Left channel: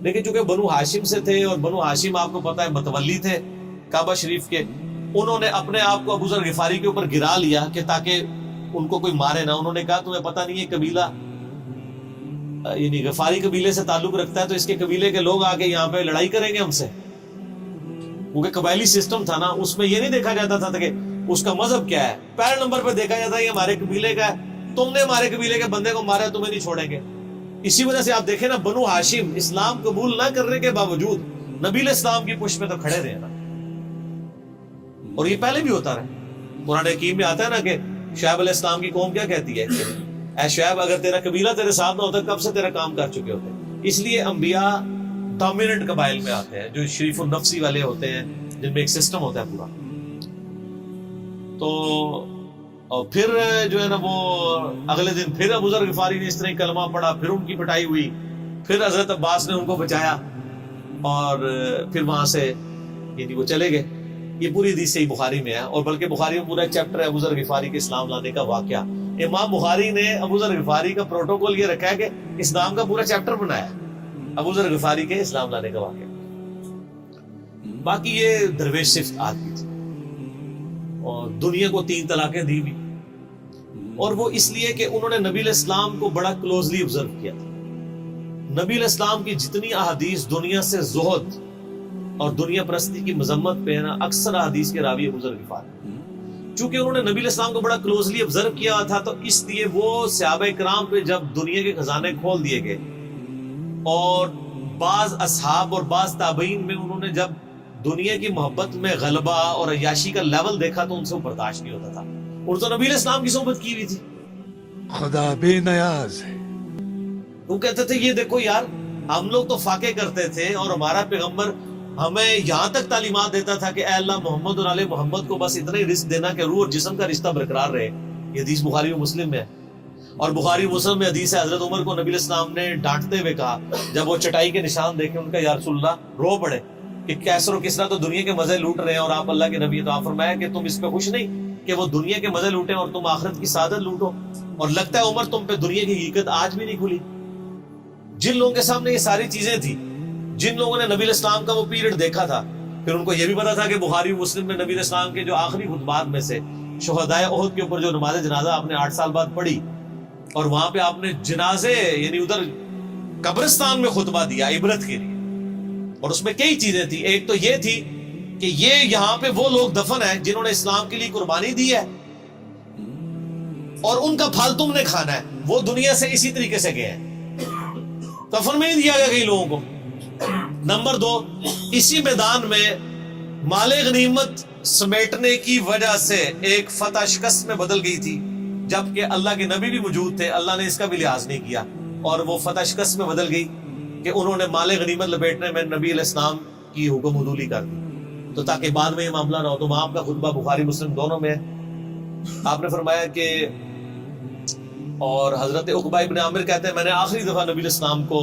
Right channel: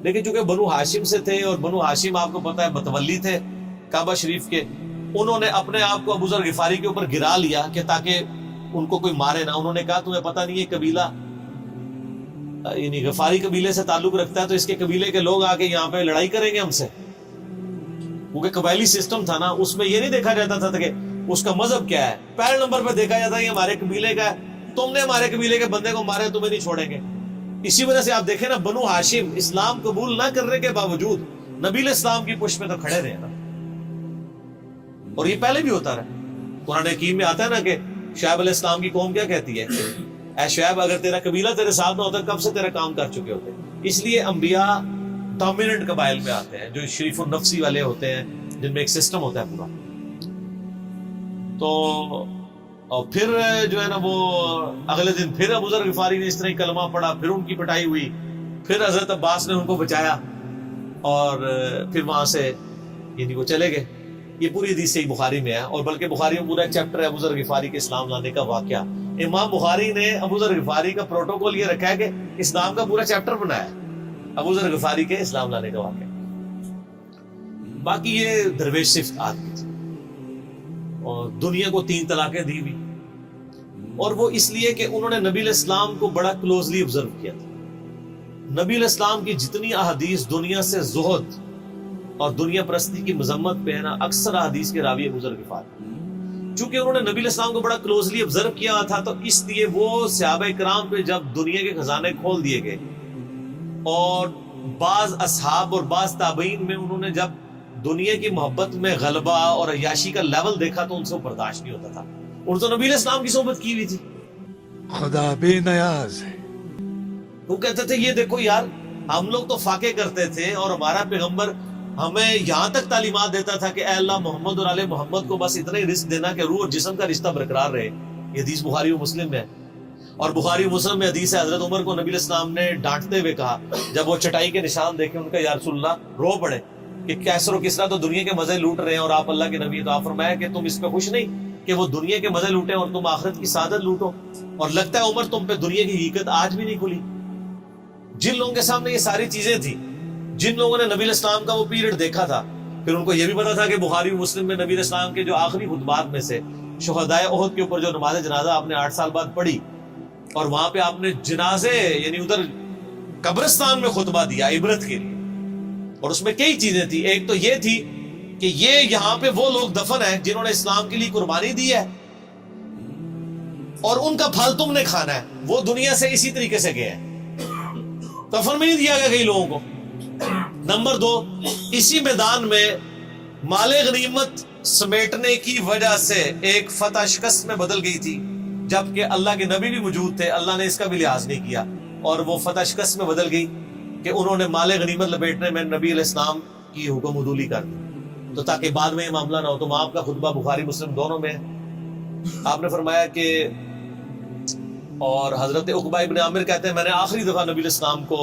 لیکن چونکہ بنو ہاشم سے تھے اور بنو ہاشم آپ کو پتہ ہے متولی تھے کعبہ شریف کے، انہوں نے اپنے آپ کو ابو ذر غفاری کے اوپر گرا لیا کہ تاکہ ان کو کوئی مارے نہ. انہوں نے کہا تمہیں پتہ نہیں ہے قبیلہ یعنی غفاری قبیلے سے تعلق رکھتا ہے تو اس کے قبیلے کے لوگ آ کے یہاں پہ لڑائی کریں گے ہم سے. کیونکہ قبائلی سسٹم تھا نا، اس میں یہ نہیں دیکھا جاتا تھا کہ اس کا مذہب کیا ہے، پہلے نمبر پہ دیکھا جاتا ہے یہ ہمارے قبیلے کا ہے، تم نے ہمارے قبیلے کے بندے کو مارا ہے تمہیں نہیں چھوڑیں گے. اسی وجہ سے آپ دیکھیں نا بنو ہاشم اسلام قبول نہ کرنے کے باوجود نبی علیہ السلام کی پشت میں تو کھڑے رہے نا، اور یہ پہلے بھی ہوتا رہا. قرآن حکیم میں آتا ہے نا کہ شعیب علیہ السلام کی قوم کیا کہتی ہے، اے شعیب اگر تیرا قبیلہ تیرے ساتھ نہ ہوتا کب سے تیرا کام کر چکے ہوتے. اس لیے انبیاء ڈومیننٹ قبائل میں آتے ہیں جو شریف النفسی والے ہوتے ہیں، جن میں ایک سسٹم ہوتا ہے پورا. تو اور پھر جو ہے نا وہ اگلے دن پھر ابو ذر غفاری نے اس طرح کلمہ پڑھا، پھر ان کی پٹائی ہوئی، پھر حضرت عباس نے ان کو بچایا اور پھر وہاں سے یعنی وہ چلے گئے. یہ پوری حدیث صحیح بخاری میں ہے، اور بلکہ بخاری میں پورا ایک چیپٹر ہے ابو ذر غفاری کے اسلام لانے کا واقعہ. امام بخاری نے ابو ذر غفاری کا پروٹوکول یہ رکھا ہے کہ اسلام کا پورا چیپٹر بنایا ہے ابو ذر غفاری کے اسلام لانے کا واقعہ. باقی یہ درویش صفت آدمی تھی اور دنیا کو 3 طلاقیں دی ہوئی، اور وہ اس لیے کہ انہوں نے نبی علیہ السلام کو بڑا کلوزلی آبزرو کیا تھا. نبی علیہ السلام کی جتنی احادیث دنیا سے زہد اور دنیا پرستی کی مذمت پہ ہے نا، اکثر احادیث کے راوی ابو ذر غفاری. چونکہ انہوں نے نبی علیہ السلام کو بڑا کلوزلی آبزرو کیا تھا تو اس لیے وہ صحابہ کرام پہ جب دنیا کے خزانے کھول دیے گئے، اور بعض اصحاب اور بعض تابعین میں انہوں نے جب دنیا کی محبت میں غلبہ اور عیاشی کا لیول دیکھا تو ان سے وہ برداشت نہیں ہوتا تھا. اور تو نبی علیہ السلام کی صحبت کی ہوئی تھی، خدا بے نیاز ہے. وہ کہتے تھے یہ دیکھو یار ہم لوگ تو فاقے کرتے تھے اور ہمارا پیغمبر ہمیں یہاں تک تعلیمات دیتا تھا کہ اے اللہ محمد اور آل محمد کو بس اتنا ہی رزق دینا کہ روح اور جسم کا رشتہ برقرار رہے. یہ حدیث بخاری و مسلم میں ہے، اور بخاری و مسلم میں حدیث ہے حضرت عمر کو نبی علیہ السلام نے ڈانٹتے ہوئے کہا جب وہ چٹائی کے نشان دیکھے، ان کا یا رسول اللہ رو پڑے کہ کیسر و کسرا تو دنیا کے مزے لوٹ رہے ہیں اور آپ اللہ کے نبی. تو آپ فرمایا کہ تم اس پہ خوش نہیں کہ وہ دنیا کے مزے لوٹیں اور تم آخرت کی سعادت لوٹو. اور لگتا ہے عمر تم پہ دنیا کی حقیقت آج بھی نہیں کھلی. جن لوگوں کے سامنے یہ ساری چیزیں تھیں، جن لوگوں نے نبی علیہ السلام کا وہ پیریڈ دیکھا تھا، پھر ان کو یہ بھی پتا تھا کہ بخاری و مسلم میں نبی علیہ السلام کے جو آخری خطبات میں سے شہدائے احد کے اوپر جو نماز جنازہ آپ نے 8 سال بعد پڑھی، اور وہاں پہ آپ نے جنازے یعنی ادھر قبرستان میں خطبہ دیا عبرت کے لیے. اور اس میں کئی چیزیں تھیں. ایک تو یہ تھی کہ یہ یہاں پہ وہ لوگ دفن ہیں جنہوں نے اسلام کے لیے قربانی دی ہے اور ان کا پھل تم نے کھانا ہے. وہ دنیا سے اسی طریقے سے گئے ہیں، کفن میں نہیں دیا گیا کئی لوگوں کو. نمبر 2، اسی میدان میں مال غنیمت سمیٹنے کی وجہ سے ایک فتح شکست میں بدل گئی تھی، جبکہ اللہ کے نبی بھی موجود تھے. اللہ نے اس کا بھی لحاظ نہیں کیا اور وہ فتح شکست میں بدل گئی کہ انہوں نے مال غنیمت لپیٹنے میں نبی علیہ السلام کی حکم حدولی کر دی، تو تاکہ بعد میں یہ معاملہ نہ ہو. تو وہاں آپ کا خطبہ بخاری مسلم دونوں میں ہے. آپ نے فرمایا کہ اور حضرت عقبہ ابن عامر کہتے ہیں میں نے آخری دفعہ نبی علیہ السلام کو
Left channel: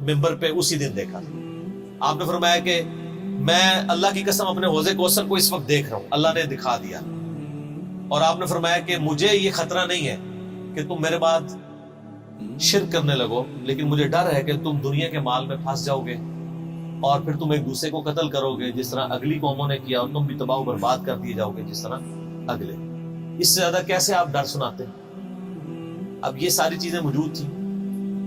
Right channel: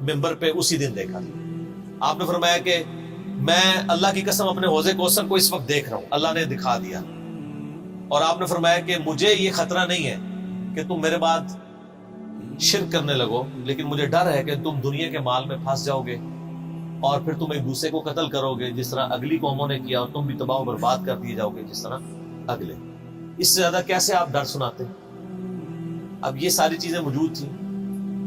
ممبر پہ اسی دن دیکھا تھا. آپ نے فرمایا کہ میں اللہ کی قسم اپنے حوض کوثر کو اس وقت دیکھ رہا ہوں، اللہ نے دکھا دیا. اور آپ نے فرمایا کہ مجھے یہ خطرہ نہیں ہے کہ تم میرے بعد شرک کرنے لگو، لیکن مجھے ڈر ہے کہ تم دنیا کے مال میں پھنس جاؤ گے اور پھر تم ایک دوسرے کو قتل کرو گے جس طرح اگلی قوموں نے کیا، اور تم بھی تباہ و برباد کر دیے جاؤ گے جس طرح اگلے. اس سے زیادہ کیسے آپ ڈر سناتے؟ اب یہ ساری چیزیں موجود تھیں.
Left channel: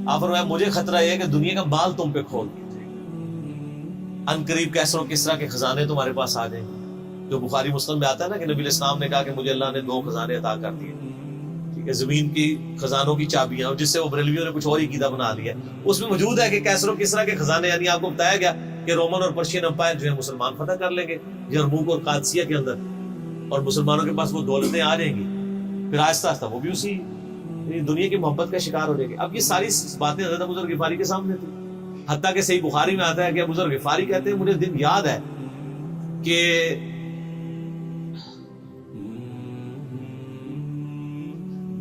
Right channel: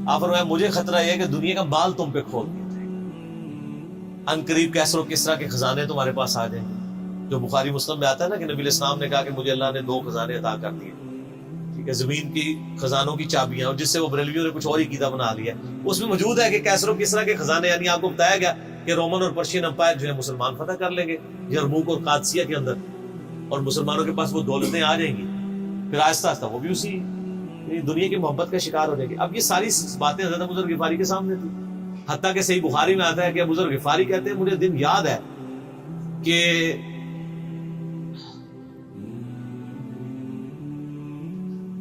آپ فرمایا مجھے خطرہ یہ ہے کہ دنیا کا مال تم پہ کھول دیا جائے گا، ان قریب کیسر و کسرا کے خزانے تمہارے پاس آ جائیں گے. جو بخاری مسلم میں آتا ہے نا کہ نبی علیہ السلام نے کہا کہ مجھے اللہ نے 2 خزانے عطا کر دیے، ٹھیک ہے، زمین کی خزانوں کی چابیاں، اور جس سے وہ بریلویوں نے کچھ اور ہی قیدا بنا لیا. اس میں موجود ہے کہ کیسر و کسرا کے خزانے، یعنی آپ کو بتایا گیا کہ رومن اور پرشین امپائر جو ہے مسلمان فتح کر لیں گے یرموک اور قادسیہ کے اندر، اور مسلمانوں کے پاس وہ دولتیں آ جائیں گی. پھر آہستہ آہستہ وہ بھی اسی دنیا کی محبت کا شکار ہو جائے گی. اب یہ ساری باتیں حضرت ابو ذر غفاری کے سامنے تھی. حتیٰ کہ صحیح بخاری میں آتا ہے کہ ابو ذر غفاری کہتے ہیں مجھے دن یاد ہے کہ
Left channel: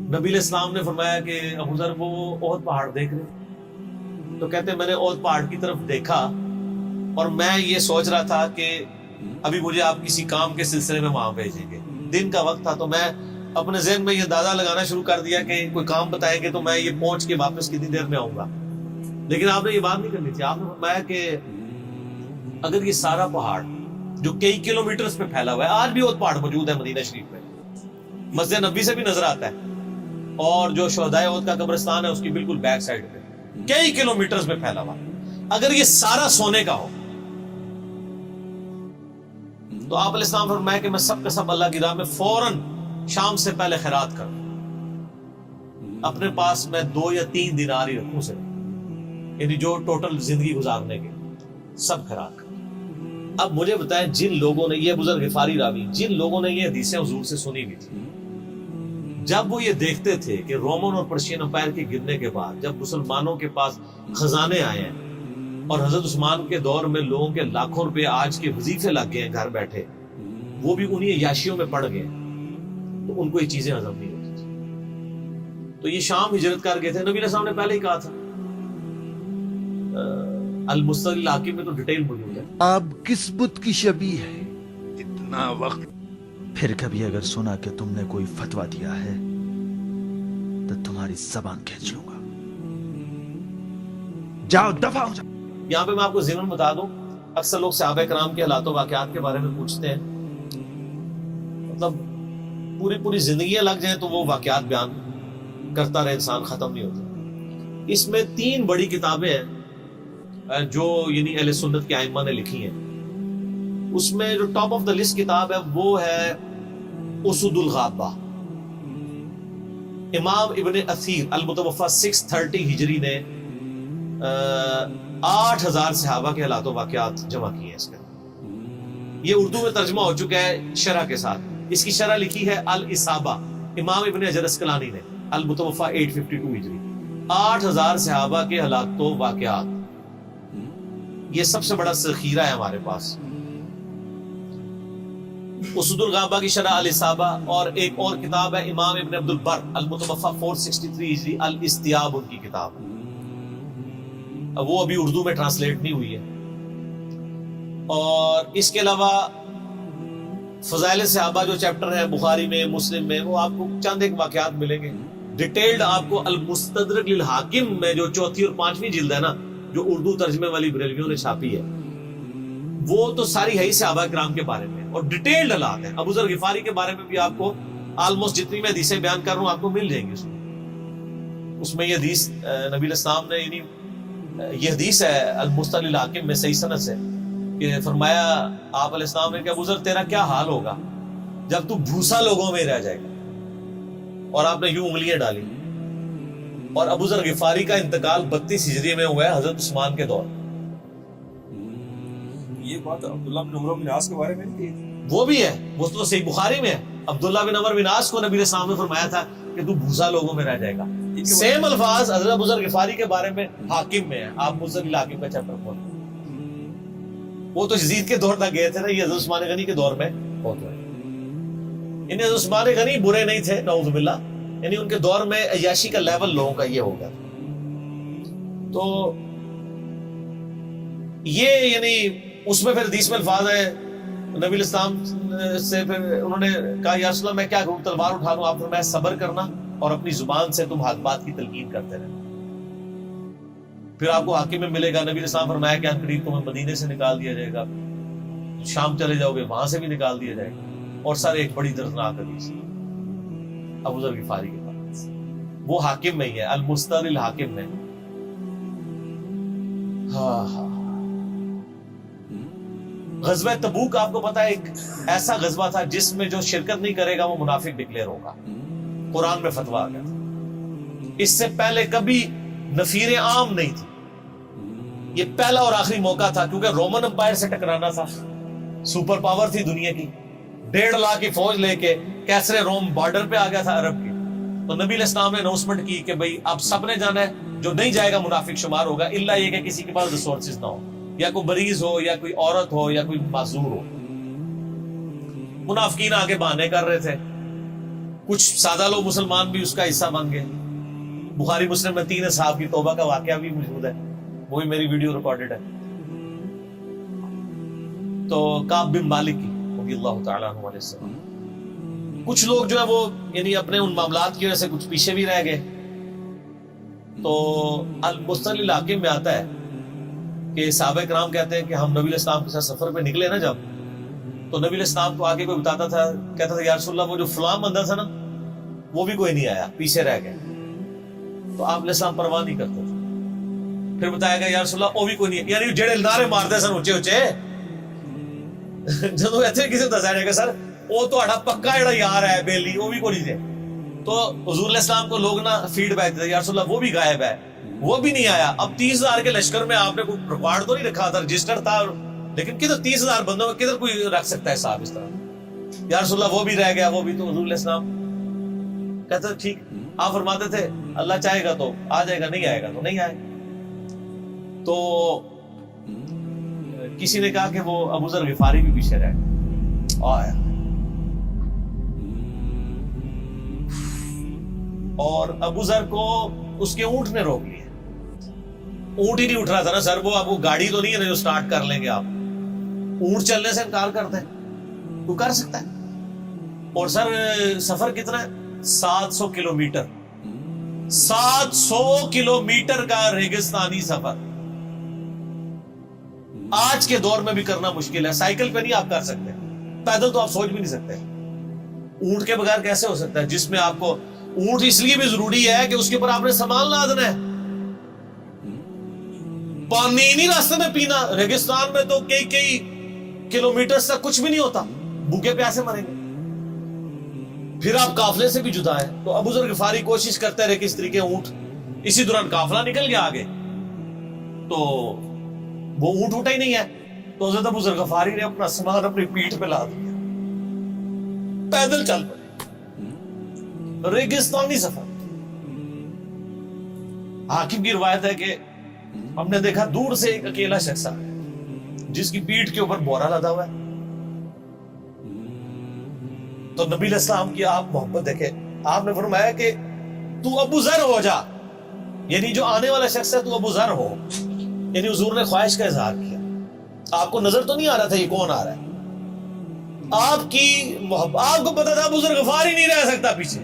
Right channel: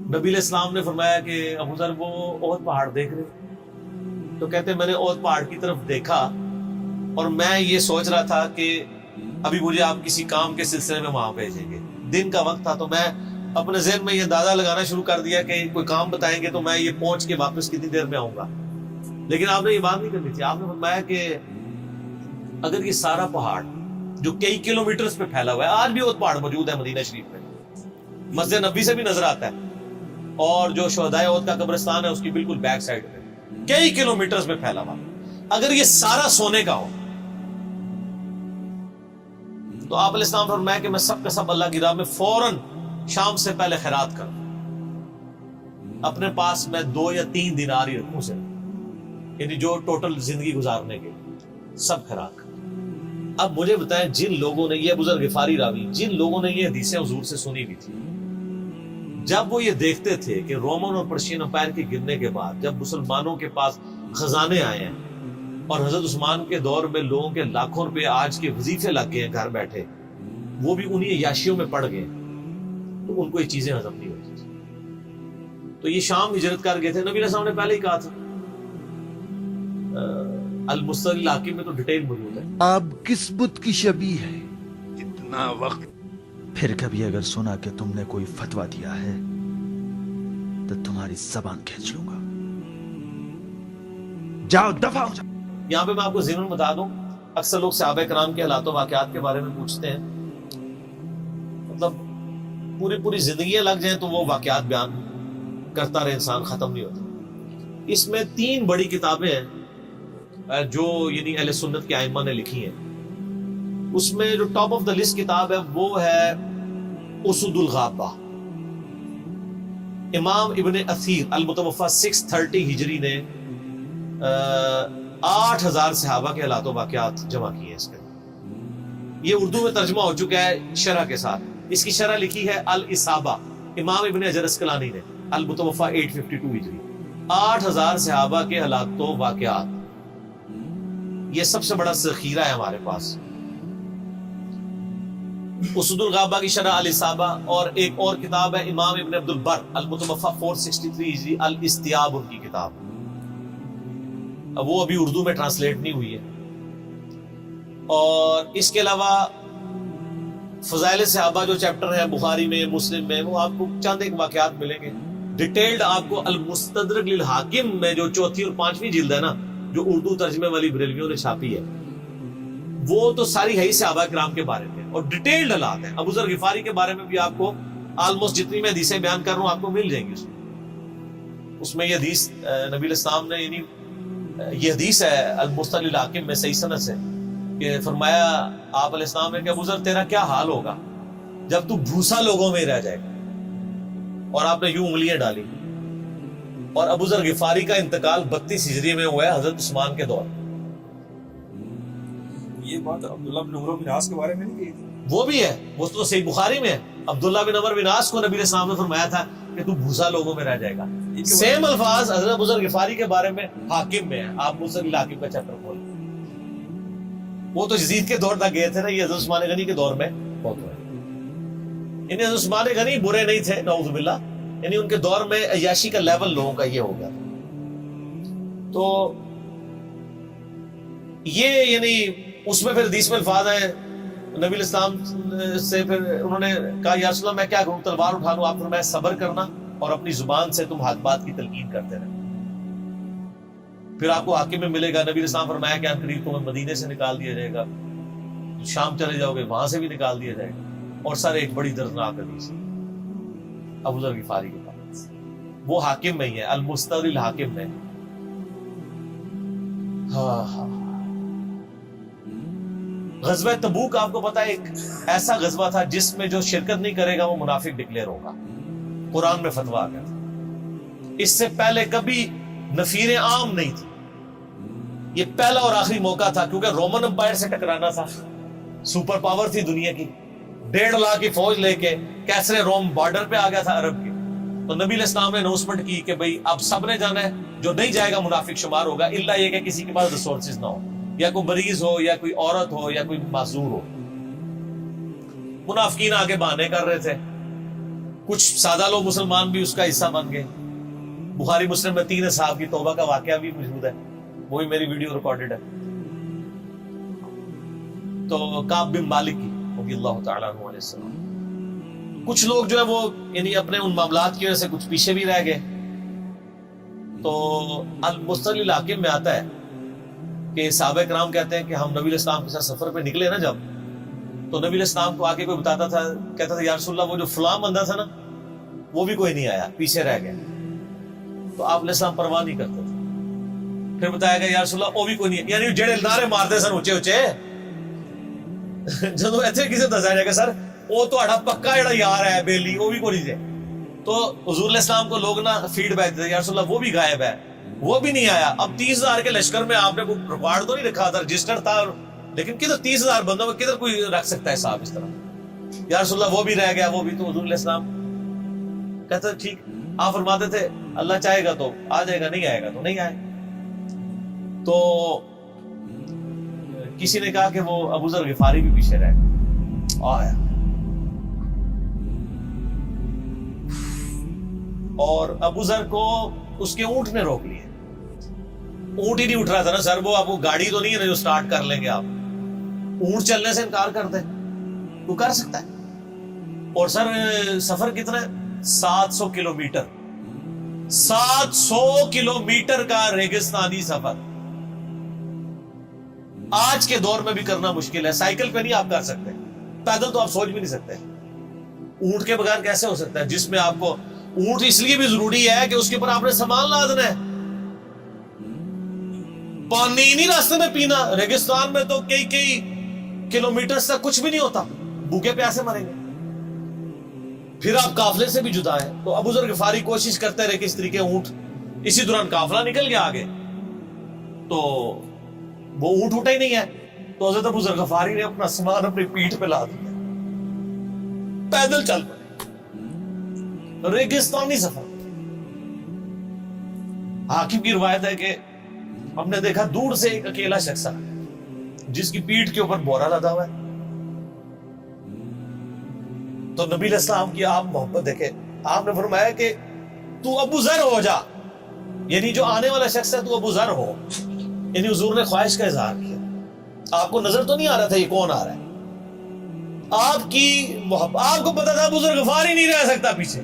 نبی علیہ السلام نے فرمایا کہ ابو ذر وہ احد پہاڑ دیکھ رہے، تو کہتے ہیں میں نے احد پہاڑ کی طرف دیکھا اور میں یہ سوچ رہا تھا کہ ابھی مجھے آپ کسی کام کے سلسلے میں وہاں بھیجیں گے. دن کا وقت تھا تو میں اپنے ذہن میں یہ اندازہ لگانا شروع کر دیا کہ کوئی کام بتائیں گے تو میں یہ پہنچ کے واپس کتنی دیر میں آؤں گا. لیکن آپ نے یہ بات نہیں کرنی تھی. آپ نے فرمایا کہ اگر یہ سارا پہاڑ جو کئی کلومیٹرز پہ پھیلا ہوا ہے, آج بھی وہ پہاڑ موجود ہے مدینہ شریف میں, مسجد نبوی سے بھی نظر آتا ہے, اور جو شہدائے احد کا قبرستان ہے اس کی بالکل بیک سائڈ پہ کئی کلومیٹرز پہ پھیلا ہوا, اگر یہ سارا سونے کا ہو تو آپ علیہ السلام فرمایا کہ میں سب کا سب اللہ کی راہ میں فوراً شام سے پہلے خیرات کروں, اپنے پاس میں 2 یا 3 دینار ہی رکھوں صرف, یعنی جو ٹوٹل زندگی گزارنے کے سب خیرات کروں. اب مجھے بتائیں, جن لوگوں نے, یہ بزرگ غفاری راوی, جن لوگوں نے یہ حدیثیں حضور سے سنی ہوئی تھی, جب وہ یہ دیکھتے تھے کہ رومن اور پرشین امپائر کے گرنے کے بعد جب مسلمانوں کے پاس خزانے آئے ہیں اور حضرت عثمان کے دور میں لوگوں کے لاکھوں روپے آج کے وظیفے لگ گئے ہیں گھر بیٹھے, وہ بھی انہی عیاشیوں میں پڑ گئے, تو ان کو یہ چیزیں ہضم نہیں ہوتی تھی. تو یہ شام ہجرت کر گئے تھے. نبی علیہ السلام نے پہلے ہی کہا تھا, المستدرک الحاکم میں تو ڈیٹیل موجود ہے. آپ کس بت کی شبیہ ہے, اتنا وقت. پھر کبھی اگر سنا کہ تم نے کوئی فتویٰ دیا ہے تو تمہاری زبان کھینچ لوں گا. جاؤ دفع ہو جاؤ. یہاں پہ میں آپ کو ضمن بتا دوں, اکثر لوگ صحابہ کرام کے حالات و واقعات کے بارے میں پوچھتے ہیں, مطلب پوری زندگیاں لگ جائیں تو وہ واقعات بیان کرتا رہے انسان, ختم نہیں ہوتا. اس میں 3 بڑی کتابیں ہیں جو یعنی اہل سنت کے ائمہ نے لکھی ہیں. اس میں جو ٹاپ آف دا لسٹ کتاب ہے وہ ہے اسد الغابہ. امام ابن اثیر المتوفی 630 ہجری نے 8000 صحابہ کے حالات و واقعات جمع کیے ہیں اس کے اندر. یہ اردو میں ترجمہ ہو چکا ہے شرح کے ساتھ. اس کی شرح لکھی ہے الاصابہ امام ابن حجر اسقلانی نے, المتوفی 852 ہجری. 8000 صحابہ کے حالات و واقعات, یہ سب سے بڑا ذخیرہ ہے ہمارے پاس. اسد الغابہ کی شرح الاصابہ, اور ایک اور کتاب ہے امام ابن عبد البر المتوفی 463 ہجری الاستیاب ان کی کتاب ہے. اب وہ ابھی اردو میں ٹرانسلیٹ نہیں ہوئی ہے. اور اس کے علاوہ فضائل صحابہ جو چیپٹر ہیں بخاری میں, مسلم میں, وہ آپ کو چند ایک واقعات ملیں گے. ڈیٹیلڈ آپ کو المستدرک للحاکم میں جو 4تھی اور 5ویں جلد ہے نا, جو اردو ترجمے والی بریلویوں نے چھاپی ہے, وہ تو ساری ہے ہی صحابہ کرام کے بارے میں, اور ڈیٹیلڈ حالات ہیں. ابو ذر غفاری کے بارے میں بھی آپ کو آلموسٹ جتنی میں حدیثیں بیان کر رہا ہوں آپ کو مل جائیں گی. اس میں یہ حدیث نبی علیہ السلام نے, یعنی یہ حدیث ہے المستدرک للحاکم میں صحیح سند سے, کہ فرمایا آپ علیہ السلام نے کہ ابو ذر تیرا کیا حال ہوگا جب تو بھوسا لوگوں میں رہ جائے گا. اور آپ نے یوں انگلیاں ڈالی. اور ابو ذر غفاری کا انتقال 32 ہجری میں ہوا ہے حضرت عثمان کے دور. یہ بات عبداللہ بن عمر بن عاص کے بارے میں نہیں کہی تھی؟ وہ بھی ہے, وہ تو صحیح بخاری میں ہے. عبداللہ بن عمر بن عاص کو نبی علیہ السلام نے فرمایا تھا کہ تو بھوسا لوگوں میں رہ جائے گا. سیم الفاظ حضرت ابو ذر غفاری کے بارے میں حاکم میں ہے. آپ مستدرک الحاکم کا چیپٹر کھول, وہ تو یزید کے دور تک گئے تھے نا, یہ حضرت عثمان غنی کے دور میں بہت ہوئے. انہیں حضرت عثمان غنی برے نہیں تھے نعوذ باللہ, یعنی ان کے دور میں عیاشی کا لیول لوگوں کا یہ ہو گیا تھا. تو یہ یعنی اس میں پھر حدیث میں الفاظ ہیں نبی علیہ السلام سے, پھر انہوں نے کہا یا رسول اللہ میں کیا کروں, تلوار اٹھا لوں؟ آپ فرمایا صبر کرنا اور اپنی زبان سے تم حق بات کی تلقین کرتے رہنا, پھر آپ کو حاکم میں ملے گا. نبی علیہ السلام فرمایا کہ ان قریب تمہیں مدینے سے نکال دیا جائے گا, شام چلے جاؤ گے وہاں سے بھی نکال دیا جائے گا. اور سر ایک بڑی دردناک حدیث ابو ذر غفاری کے پاس, وہ حاکم میں ہی ہے, المستدرک الحاکم میں. ہاں غزوہ تبوک آپ کو پتا ہے ایک ایسا غزوہ تھا جس میں جو شرکت نہیں کرے گا وہ منافق ڈکلیئر ہوگا. قرآن میں فتویٰ آ گیا تھا. اس سے پہلے کبھی نفیر عام نہیں تھی, یہ پہلا اور آخری موقع تھا, کیونکہ رومن امپائر سے ٹکرانا تھا. سپر پاور تھی دنیا کی, 1.5 لاکھ کی فوج لے کے کیسرے روم بارڈر پہ آ گیا تھا عرب کے. تو نبی علیہ السلام نے اناؤنسمنٹ کی کہ بھئی اب سب نے جانا ہے, جو نہیں جائے گا منافق شمار ہوگا, الا یہ کہ کسی کے پاس ریسورسز نہ ہو, یا کوئی مریض ہو, یا کوئی عورت ہو, یا کوئی معذور ہو. منافقین آگے بہانے کر رہے تھے, کچھ سادہ لوگ مسلمان بھی اس کا حصہ بن گئے. بخاری مسلم میں 3 اصحاب کی توبہ کا واقعہ بھی موجود ہے, وہ بھی میری ویڈیو ریکارڈڈ ہے. تو کعب بن مالک کی رضی اللہ تعالیٰ عنہ علیہ السلام, کچھ لوگ جو ہے وہ یعنی اپنے ان معاملات کی وجہ سے کچھ پیچھے بھی رہ گئے. تو المستقل الحاکم میں آتا ہے کہ صحابہ کرام کہتے ہیں کہ ہم نبی علیہ السلام کے ساتھ سفر پہ نکلے نا جب، تو نبی علیہ السلام کو آگے کوئی بتاتا تھا، کہتا تھا یا رسول اللہ وہ جو فلاں بندہ تھا نا وہ بھی کوئی نہیں آیا، پیچھے رہ گیا. تو آپ علیہ السلام پرواہ نہیں کرتے تھے. پھر بتایا گیا یا رسول اللہ وہ بھی کوئی نہیں، یعنی جڑے نعرے مارتے سن اچے اچے جدو ایتھے کسی دسیا جائے گا سر وہ تہاڈا پکا جڑا یار ہے بیلی وہ بھی کوئی نہیں تھے. تو حضور علیہ السلام کو لوگ نا فیڈ بیک دیتے یا رسول اللہ وہ بھی غائب ہے، وہ بھی نہیں آیا. اب 30,000 کے لشکر میں آپ نے کوئی ریکارڈ تو نہیں رکھا تھا، رجسٹر تھا، لیکن کدھر 30,000 بندوں میں کدھر کوئی رکھ سکتا ہے صاحب اس طرح. یا رسول اللہ وہ بھی رہ گیا، وہ بھی. تو حضور علیہ السلام کہتے ٹھیک. آپ فرماتے تھے اللہ چاہے گا تو آ جائے گا، نہیں آئے گا تو نہیں آئے. تو کسی نے کہا کہ وہ ابو ذر غفاری بھی پیچھے رہ گئے. آیا اور ابو ذر کو اس کے اونٹ نے روک لیا. اونٹ ہی نہیں اٹھ رہا تھا نا سر، وہ آپ کو گاڑی تو نہیں ہے نا جو سٹارٹ کر لیں گے آپ. اونٹ چلنے سے انکار کرتے ہیں، وہ کر سکتا ہے. اور سر سفر کتنا ہے؟ 700 کلومیٹر. 700 کلومیٹر کا ریگستانی سفر آج کے دور میں بھی کرنا مشکل ہے. سائیکل پہ نہیں آپ کر سکتے، پیدل تو آپ سوچ بھی نہیں سکتے. اونٹ کے بغیر کیسے ہو سکتا ہے؟ جس میں آپ کو اونٹ اس لیے بھی ضروری ہے کہ اس کے اوپر آپ نے سامان لادنا ہے. پانی نہیں راستے میں پینا. ریگستان میں تو کئی کلومیٹر تک کچھ بھی نہیں ہوتا، بھوکے پیاسے مریں گے. پھر آپ قافلے سے بھی جدا ہیں. تو ابو ذر غفاری کوشش کرتے رہے کہ اس طریقے اونٹ. اسی دوران قافلہ نکل گیا آگے تو وہ اونٹ اٹھا ہی نہیں ہے. تو حضرت ابو ذر غفاری نے اپنا سامان اپنی پیٹھ پہ لاد دیا، پیدل چل پڑے. ریگستانی سفر. حاکم کی روایت ہے کہ ہم نے دیکھا دور سے ایک اکیلا شخص آیا جس کی پیٹھ کے اوپر بورا لدا ہوا ہے. تو نبی علیہ السلام کی آپ محبت دیکھے، آپ نے فرمایا کہ تو ابو ذر ہو جا، یعنی جو آنے والا شخص ہے تو ابو ذر ہو. یعنی حضور نے خواہش کا اظہار کیا. آپ کو نظر تو نہیں آ رہا تھا یہ کون آ رہا ہے، آپ کی محبت. آپ کو پتا تھا ابو ذر غفاری نہیں رہ سکتا پیچھے.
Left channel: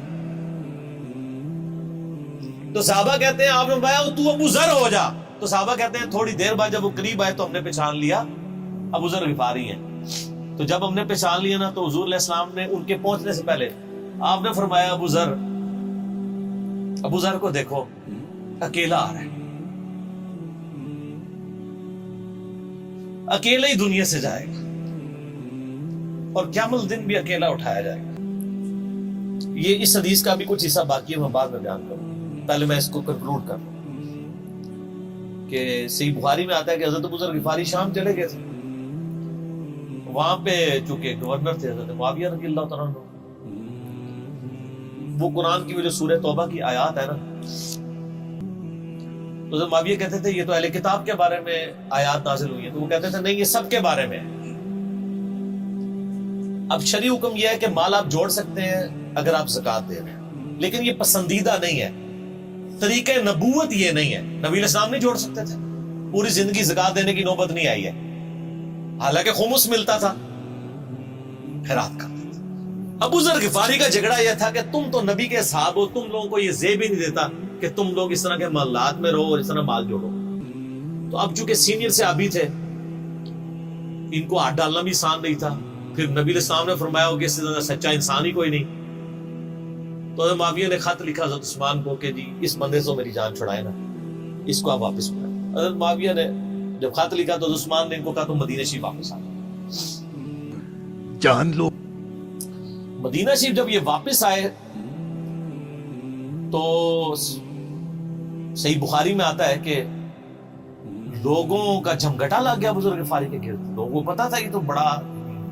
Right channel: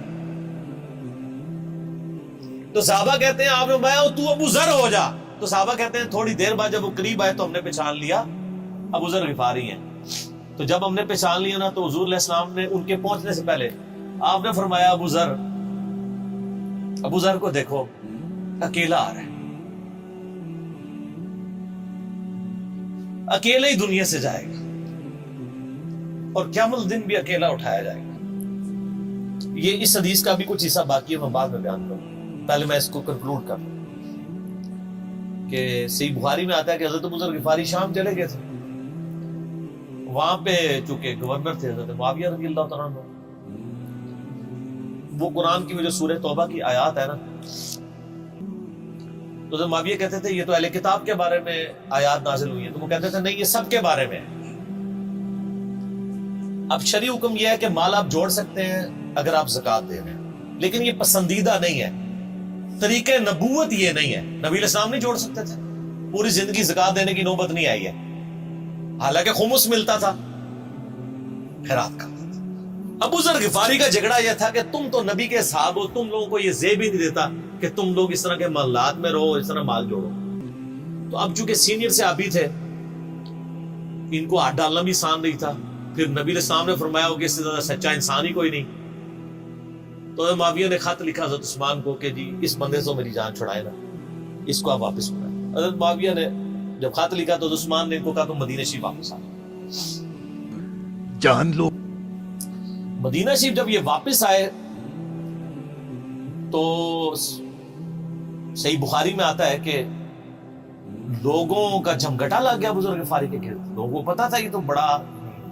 تو صحابہ کہتے ہیں آپ نے فرمایا تو ابو ذر ہو جا. تو صحابہ کہتے ہیں تھوڑی دیر بعد جب وہ قریب آئے تو ہم نے پہچان لیا ابو ذر غفاری ہیں. تو جب ہم نے پہچان لیا نا تو حضور علیہ السلام نے ان کے پہنچنے سے پہلے آپ نے فرمایا ابو ذر کو دیکھو اکیلا آ رہا ہے، اکیلے ہی دنیا سے جائے گا اور قیامت دن بھی اکیلا اٹھایا جائے گا. یہ اس حدیث کا بھی کچھ حصہ باقی ہے، میں بعد میں بیان کروں. پہلے میں اس کو کنکلوڈ کر لوں کہ صحیح بخاری میں آتا ہے کہ حضرت ابو ذر غفاری شام چلے گئے تھے. وہاں پہ چونکہ گورنر تھے حضرت معاویہ رضی اللہ تعالیٰ عنہ. وہ قرآن کی وہ جو سورہ توبہ کی آیات ہے نا، تو حضرت معاویہ کہتے تھے یہ تو اہل کتاب کے بارے میں آیات نازل ہوئی ہیں. تو وہ کہتے تھے نہیں، یہ سب کے بارے میں ہے. اب شرعی حکم یہ ہے کہ مال آپ جوڑ سکتے ہیں اگر آپ زکوٰۃ دے رہے ہیں، لیکن یہ پسندیدہ نہیں ہے. طریقہ نبوت یہ نہیں ہے. نبی علیہ السلام نہیں جوڑ سکتے تھے، پوری زندگی زکوٰۃ دینے کی نوبت نہیں آئی ہے، حالانکہ خمس ملتا تھا، خیرات کرتے تھے. ابو ذر غفاری کا جھگڑا یہ تھا کہ تم تو نبی کے اصحاب ہو، تم لوگوں کو یہ زیب ہی نہیں دیتا کہ تم لوگ اس طرح کے محلات میں رہو اور اس طرح مال جوڑو. تو اب چونکہ سینئر صحابی تھے، ان کو ہاتھ ڈالنا بھی آسان نہیں تھا. پھر نبی علیہ السلام نے فرمایا ہو کہ اس سے زیادہ سچا انسان ہی کوئی نہیں. تو حضرت معاویہ نے خط لکھا حضرت عثمان کو کہ جی اس بندے سے میری جان چھڑائے نا، اس کو آپ واپس بلائیں. حضرت معاویہ نے جب خط لکھا تو حضرت عثمان نے ان کو کہا تم مدینہ شریف واپس آ جاؤ. جان لو. مدینہ شریف جب یہ واپس آئے تو صحیح بخاری میں آتا ہے کہ لوگوں کا جمگٹا لگ گیا ابو ذر غفاری کے گرد. لوگوں کو پتا تھا یہ تو بڑا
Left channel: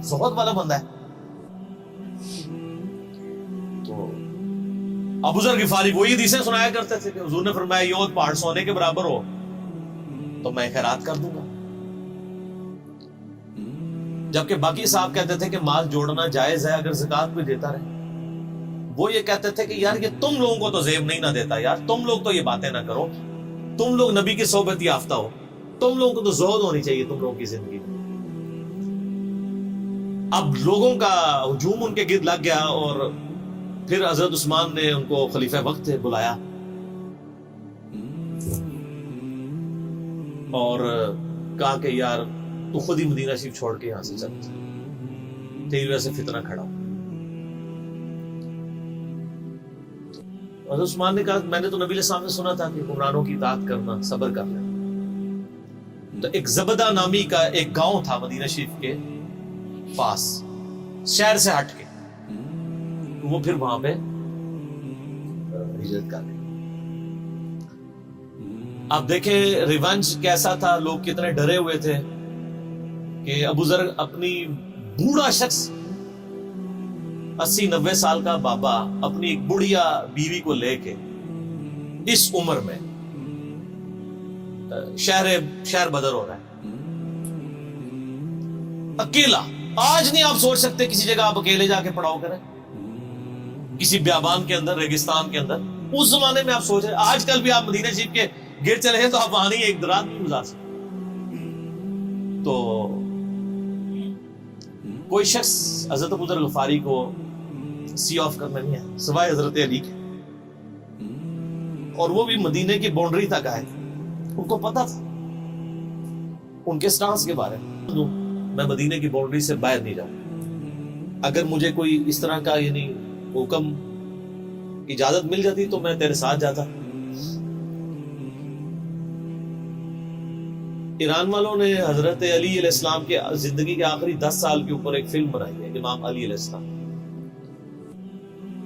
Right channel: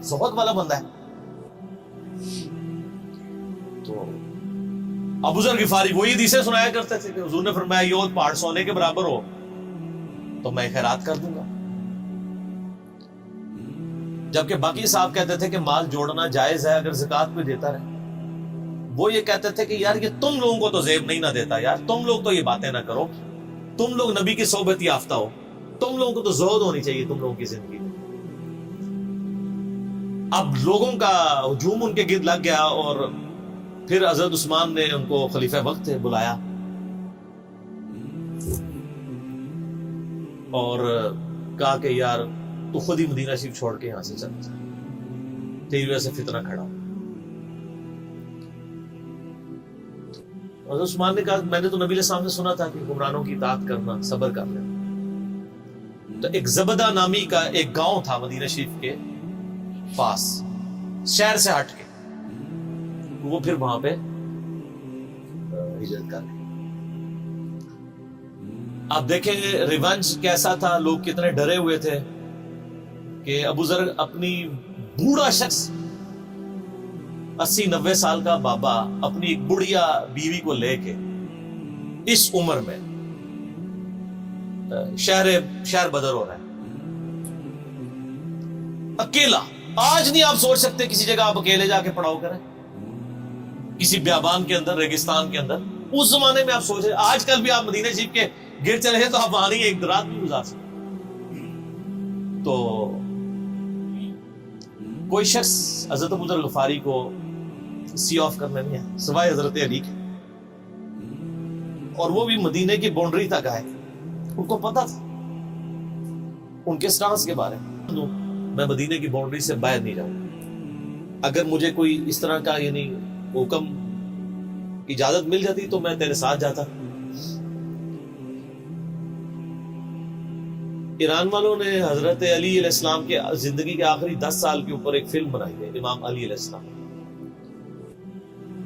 زہد والا بندہ ہے. تو ابو ذر غفاری وہی حدیثیں سنایا کرتے تھے کہ حضور نے فرمایا یہ پہاڑ سونے کے برابر ہو تو میں خیرات کر دوں گا. جبکہ باقی صاحب کہتے تھے کہ مال جوڑنا جائز ہے اگر زکوٰۃ کوئی دیتا رہے. وہ یہ کہتے تھے کہ یار یہ تم لوگوں کو تو زیب نہیں نہ دیتا، یار تم لوگ تو یہ باتیں نہ کرو، تم لوگ نبی کی صحبت یافتہ ہو، تم لوگوں کو تو زہد ہونی چاہیے تم لوگوں کی زندگی میں. اب لوگوں کا ہجوم ان کے گرد لگ گیا اور پھر حضرت عثمان نے ان کو خلیفہ وقت بلایا اور کہا کہ یار تو خود ہی مدینہ شریف چھوڑ کے یہاں سے چلا جا، تیری وجہ سے فتنہ کھڑا ہو۔ حضرت عثمان نے کہا میں نے تو نبی علیہ السلام سے سنا تھا کہ حکمرانوں کی اطاعت کرنا، صبر کر لینا۔ تو ایک زبدہ نامی کا ایک گاؤں تھا مدینہ شریف کے پاس، شہر سے ہٹ کے، تو وہ پھر وہاں پہ ہجرت کر گئے۔ آپ دیکھیں ریونج کیسا تھا، لوگ کتنے ڈرے ہوئے تھے کہ ابو ذر اپنی بوڑھا شخص 80-90 سال کا بابا اپنی ایک بڑھیا بیوی کو لے کے اس عمر میں شہر بدر ہو رہا ہے اکیلا۔ آج نہیں آپ سوچ سکتے کسی جگہ آپ اکیلے جا کے پڑاؤ کریں، کسی بیابان کے اندر، ریگستان کے اندر۔ اس زمانے میں آپ سوچ رہے، آج کل بھی آپ مدینہ شریف کے گر چلے ہیں تو آپ وہاں نہیں ایک رات بھی گزار سکتے۔ تو کوئی شخص حضرت ابو ذر غفاری کو سی آف کرنے نہیں آیا سوائے حضرت علی کے، اور وہ بھی مدینے کی باؤنڈری تک آئے۔ ان کو پتا تھا ان کے سٹانس کے بارے میں مدینے کی باؤنڈری سے باہر نہیں جاؤں، اگر مجھے کوئی اس طرح کا یعنی حکم اجازت مل جاتی تو میں تیرے ساتھ جاتا۔ ایران والوں نے حضرت علی علیہ السلام کے زندگی کے آخری 10 سال کے اوپر ایک فلم بنائی ہے، امام علی علیہ السلام۔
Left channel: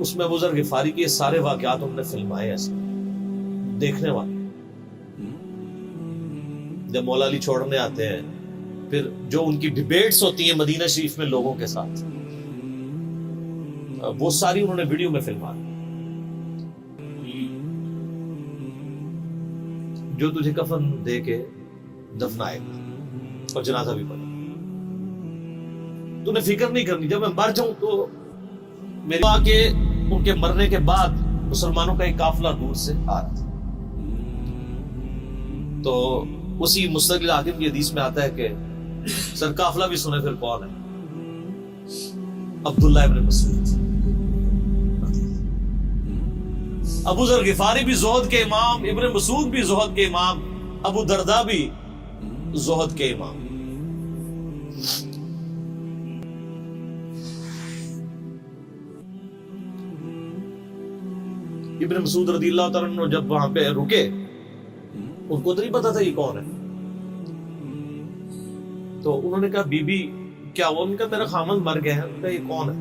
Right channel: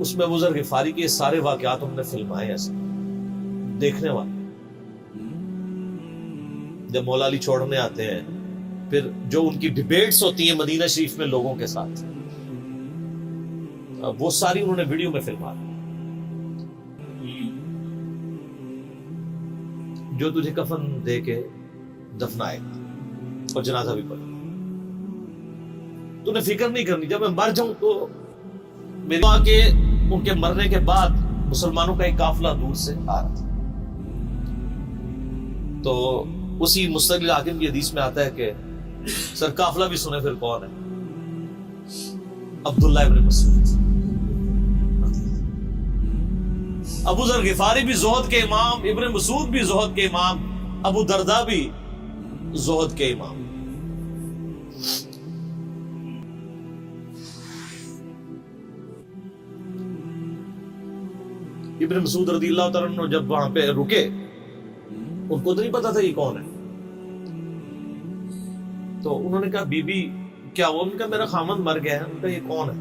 اس میں ابو ذر غفاری کے سارے واقعات انہوں نے فلمائے ہیں، دیکھنے والے۔ جب مولا علی چھوڑنے آتے ہیں، پھر جو ان کی ڈیبیٹس ہوتی ہیں مدینہ شریف میں لوگوں کے ساتھ، وہ ساری انہوں نے ویڈیو میں فلما دی۔ جو تجھے کفن دے کے دفنائے گا اور جنازہ بھی پڑے گا، تو نے فکر نہیں کرنی، جب میں مر جاؤں تو میرے ماں کے ان کے مرنے کے بعد مسلمانوں کا ایک قافلہ دور سے آ رہا تھا۔ تو اسی مستقل حاکم کی حدیث میں آتا ہے کہ سر قافلہ بھی سنے پھر کون ہے؟ عبداللہ ابن مسعود۔ ابو ذر غفاری بھی زہد کے امام، ابن مسعود بھی زہد کے امام، ابو دردہ بھی زہد کے امام۔ ابن مسعود رضی اللہ تعالیٰ عنہ جب وہاں پہ رکے، ان کو تو نہیں پتا تھا یہ کون ہے، تو انہوں نے کہا بی بی کیا وہ؟ ان کا میرا خامند مر گیا ہے۔ ان کا یہ کون ہے؟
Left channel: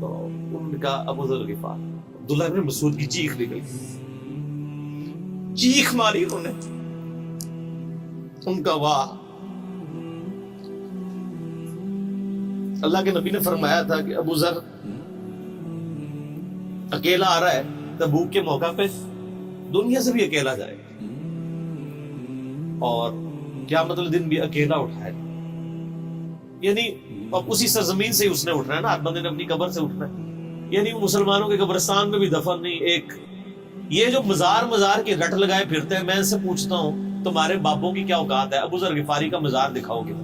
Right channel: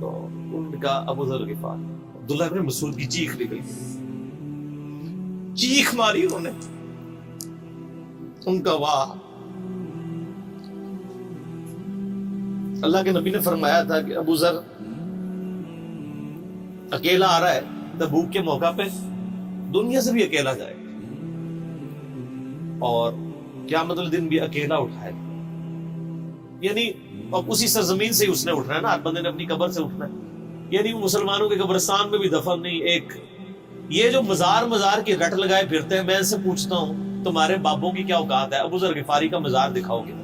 تو انہوں نے کہا ابو ذر غفاری۔ عبداللہ ابن مسعود کی چیخ نکل گئی، چیخ ماری انہوں نے، ان کا واہ۔ اللہ کے نبی نے فرمایا تھا کہ ابو ذر اکیلا آ رہا ہے تبوک کے موقع پہ، دنیا سے بھی اکیلا جائے گا، اور قیامت الدن بھی اکیلا اٹھائے گا۔ یعنی اب اسی سرزمین سے ہی اس نے اٹھنا ہے نا، ہر بندے نے اپنی قبر سے اٹھنا ہے، یعنی وہ مسلمانوں کے قبرستان میں بھی دفن نہیں۔ ایک یہ جو مزار کی رٹ لگائے پھرتے ہیں، میں ان سے پوچھتا ہوں تمہارے بابوں کی کیا اوقات ہے؟ ابو ذر غفاری کا مزار دکھاؤ کتنا۔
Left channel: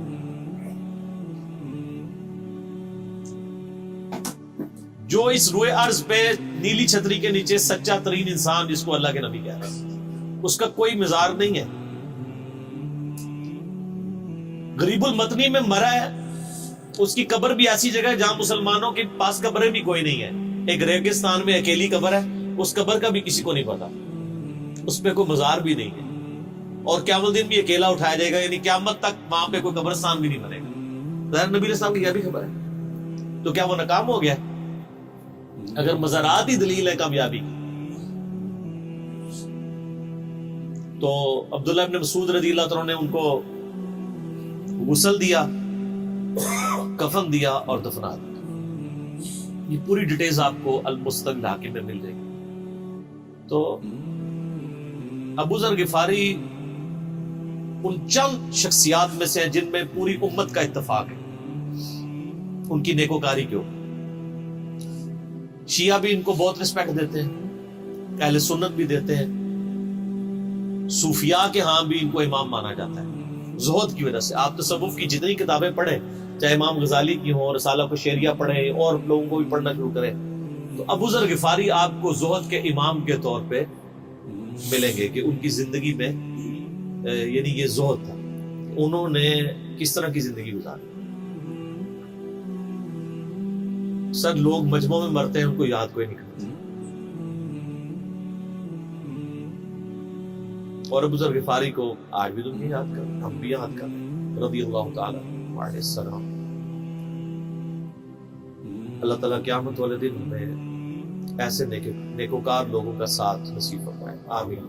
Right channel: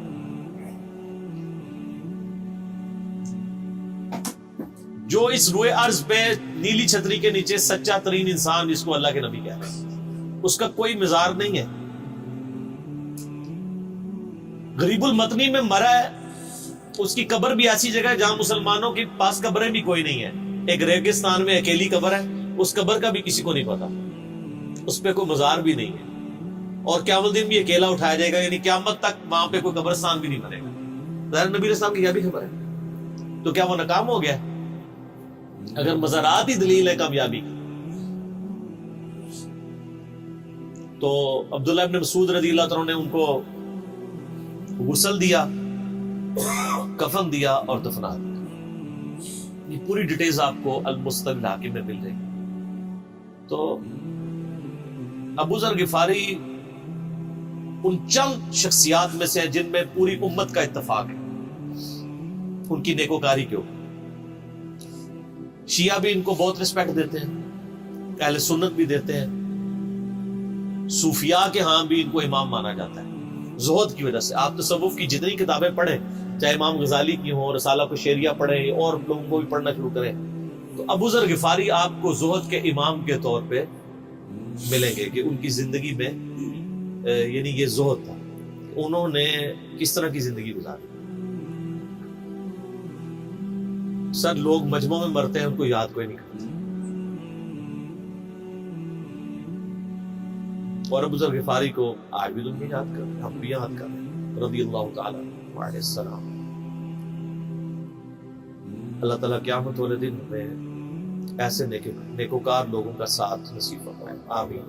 جو اس روئے ارض پہ نیلی چھتری کے نیچے سچا ترین انسان جس کو اللہ کے نبی کہہ رہے ہیں، اس کا کوئی مزار نہیں ہے۔ غریب المتنی میں مرا ہے، اس کی قبر بھی ایسی جگہ ہے جہاں مسلمانوں کے پاس قبریں بھی کوئی نہیں ہے، ایک ریگستان میں اکیلی قبر ہے، اس قبر کا بھی کسی کو نہیں پتا، اس پہ کوئی مزار بھی نہیں ہے، اور قیامت دن بھی اکیلا اٹھایا جائے گا، یعنی قیامت تک وہاں پہ کوئی قبرستان بھی نہیں بنے گا۔ ظاہر نبی علیہ السلام کی یہ بھی خبر ہے، تو کیا وہ ناکام ہو گیا؟ اگر مزارات ہی دلیل ہے کامیابی کی، تو عبداللہ ابن مسعود رضی اللہ تعالیٰ نے ان کو غسل دیا، کفن دیا اور دفنا دیا۔ یہ پوری ڈیٹیلز آپ کو المستقل حاکم میں مل جائے گی۔ تو ابو ذر غفاری ان چند شخصیات میں سے ہیں جن میں پوری امت کا اتفاق ہے ان کی نیکوکاری کے اوپر۔ شیعہ بھی ان کو بہت رسپیکٹ دیتے ہیں، اہل سنت بھی دیتے ہیں، صوفیاء کے ہاں بھی ان کو امام مانا جاتا ہے زہد کی وجہ سے۔ آپ تصوف کی جتنی کتابیں پڑھیں، چاہے امام غزالی کی ہوں، رسالہ کو شیریہ پڑھیں، اور لوگوں کو بھی پڑھنا شروع کریں، تو ابو ذر غفاری آپ کو زہد کے امام کے طور پہ ملیں گے کہ ان کی زندگی میں یعنی یہ زہد تھا، انہوں نے کس طرح کی زندگی گزاری. سر لوگ مجمع میں مرتے ہیں، ان کو یاد کوئی نہیں کرتا. اور ابو ذر غفاری کو آج بھی دنیا یاد کر رہے ہیں، ہم بھی یاد کر رہے ہیں رضی اللہ تعالی علیہ السلام. اللہ تعالیٰ قیامت والے دن ہمیں ایسے نیکوکار لوگوں کا ساتھ نصیب فرمائے. آمین.